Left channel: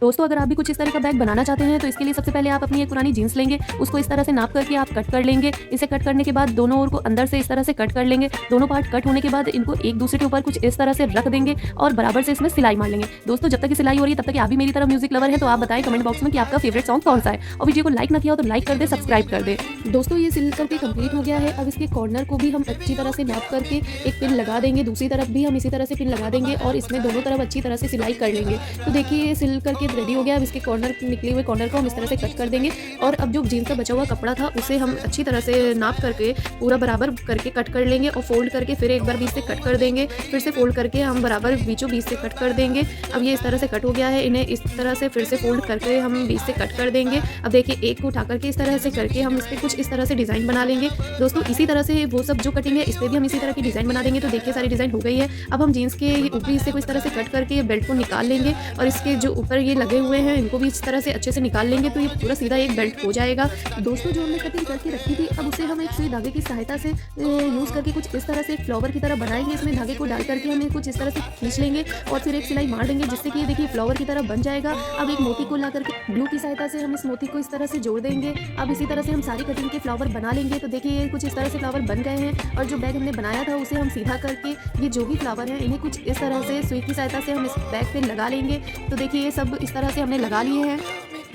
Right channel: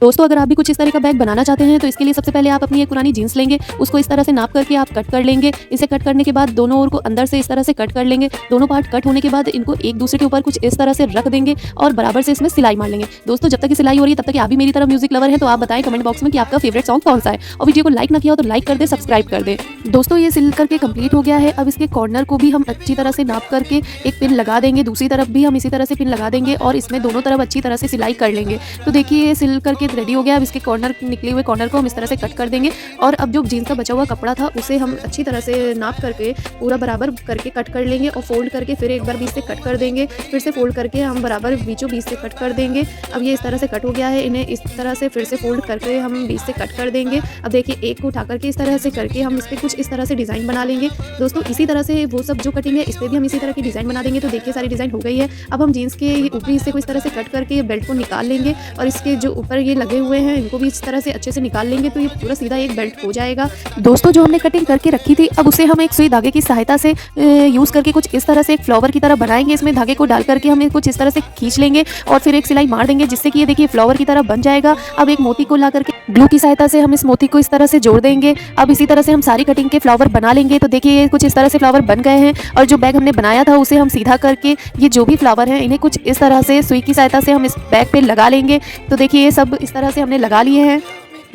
दोस्तों अगर आप भी कुछ इस तरह का बैग बनाना चाहते हैं तो इसके लिए सबसे पहले आप अपनी एक पुरानी जीन्स लेंगे, उसको इस तरह से नाप करके आप कट कर लेंगे। इसे कट करने के बाद दोनों ओर को अंदर से इस तरह से कट कर लेंगे। दोनों पार्ट कट होने के बाद इनको एक दूसरे के ऊपर कुछ इस तरह से रख देंगे और बराबर से इसमें सिलाई मार लेंगे। दोस्तों जब तक ये सिलाई हो रही है तब तक आप भी मेरी तरह म्यूजिक लवर है तो आप बताएं कमेंट बॉक्स में कि आपका फेवरेट सॉन्ग कौन सा है, और वीडियो को लाइक ना किया हो तो लाइक कर दे, सब्सक्राइब कर दे। दोस्तों ये सिल करके कंप्लीट हो गया है। अब इसके कॉर्नर को भी हम अच्छी तरह से नाप करके एक पिन लगा देंगे, दूसरी तरफ भी हम इसी तरह से पिन लगा देंगे और इसमें दोनों तरफ अच्छी तरह से सिलाई कर लेंगे। तो देखिए ये सिल करके रेडी हो गया। अब इसके कॉर्नर निकले हुए कॉर्नर को हम इस तरह से कट कर देंगे और अब जो जीन्स का बचा हुआ कपड़ा था उसे हम अच्छी तरह से नाप करके पूरा बराबर करके कट कर लेंगे और फोल्ड करके फिर एक बार बीच से कट कर देंगे, फिर से फोल्ड करके हम बराबर बीचों बीच से कट कर देंगे। अब ये इस तरह से कट हो गया है, इन्हें इस तरह से फिर से फोल्ड करके हम बीच से कट कर देंगे। अब देखिए एक को उठा करके इस तरह से करके हम इस पर कुछ इस तरह से डिज़ाइन बना लेंगे। दोस्तों इसी तरह से वो सब जो कटिंग है इस पर भी हम इसी तरह की डिज़ाइन बना देंगे। तो देखिए सारी डिज़ाइन हो गई है। अब हम जीन्स के ऊपरी हिस्से को इस तरह से कट करके ये बेल्ट को निकाल लेंगे और इसके जो ऊपर ये लगे हुए हैं इनको भी इस तरह से अच्छे से निकाल लेंगे तो ये पूरा सीधा एक बेल्ट हो जाएगा। दोस्तों जो हमने कटिंग करके रखी थी अब उसे हम एक सुई धागे की सहायता से यूज़ करके कुछ इस तरह से एक फ्लावर की तरह बनाएंगे। इसमें धागे को डाल करके हम कुछ इस तरह से खींच लेंगे और फिर एक सिलाई मार देंगे जिससे कि ये देखिए फ्लावर की तरह बन जाएगा। अब एक मोती को ला करके ग्लू की सहायता से हम इस मोती को इस तरह से जोड़ देंगे। अब इसी तरह से हम सारी कटिंग के फ्लावर बना लेंगे। तो देखिए ये कुछ इस तरह से फ्लावर बन गए हैं और जो बैग हमने बनाया था उसे हम सीधा करके ये जो भी फ्लावर हैं इन्हें कुछ इस तरह से सुई की सहायता से हम इस बैग पे लगा लेंगे। तो देखिए ये सब इस तरह से हमने लगा लिए हैं।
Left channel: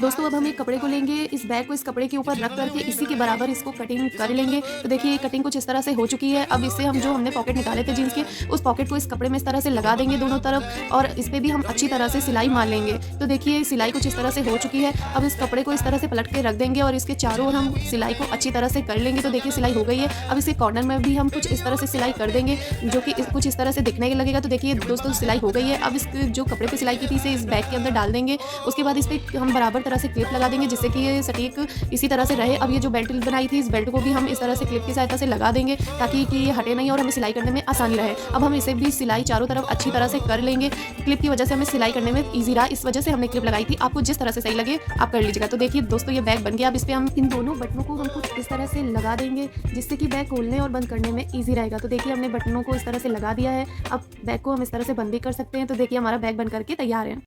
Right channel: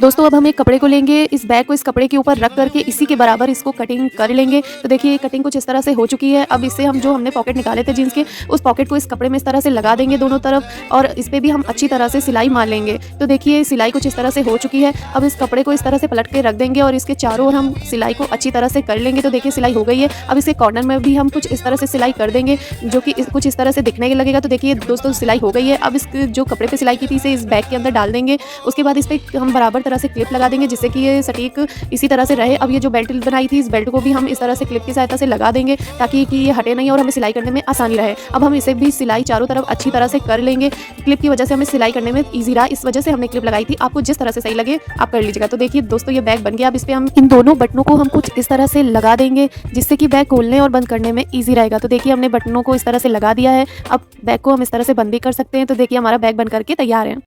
दोस्तों अब हम एक कपड़े को लेंगे, इस बैग को इस कपड़े के ऊपर रख करके इसी के बराबर इसको कटिंग कर लेंगे। तो देखिए ये कटिंग कुछ इस तरह से हो चुकी है। अब इससे हम जो हमने पॉकेट निकाले थे जीन्स के उस पॉकेट को इस कपड़े में इस तरह से लगा देंगे दोनों तरफ और इस पर भी हम अच्छी तरह से सिलाई मार लेंगे। तो देखिए सिलाई कुछ इस तरह से हो चुकी है। अब इस कपड़े को इस तरह से पलट के रख देंगे और इसके चारों ओर हम सिलाई को अच्छी तरह से कर लेंगे। तो देखिए सिलाई हो गई है। अब इसके कॉर्नर में भी हम कुछ इस तरह से सिलाई कर देंगे जो कि कुछ इस तरह से दिखने लगेगा। तो देखिए दोस्तों सिलाई हो गई है। अब इस जो कपड़े पे सिलाई की थी इसे इस बैग के अंदर डाल देंगे। उसके बाद इस पर हम बराबर तरह से क्लिप लगा देंगे जिससे कि ये सटीक इसी तरह से रहे। अब ये जो बेल्ट बनाई थी इस बेल्ट को भी हम इस तरह से क्लिप की सहायता से लगा देंगे ताकि कि ये हटे नहीं और हमें सिलाई करने में आसानी रहे। अब हम इसे भी सिलाई चारों तरफ अच्छी तरह से कर लेंगे। क्लिप की वजह से हमें सिलाई करने में ईजी रहा, इस वजह से हमने क्लिप लगाई थी। आपको जिस तरह से सही लगे आप कर लीजिएगा। तो देखिए दोस्तों ये बैग बन गया। अब इस पर हम इन दोनों बटनों को हम कुछ इस तरह से लगा देंगे जिससे कि बैग खोलने और बंद करने में ईजी रहेगा। तो देखिए हमने बटनों को इस तरह से लगा दिया है। अब बैग को हम इस तरह से बंद भी कर सकते हैं। तो देखिए हमारा बैग बन करके तैयार है।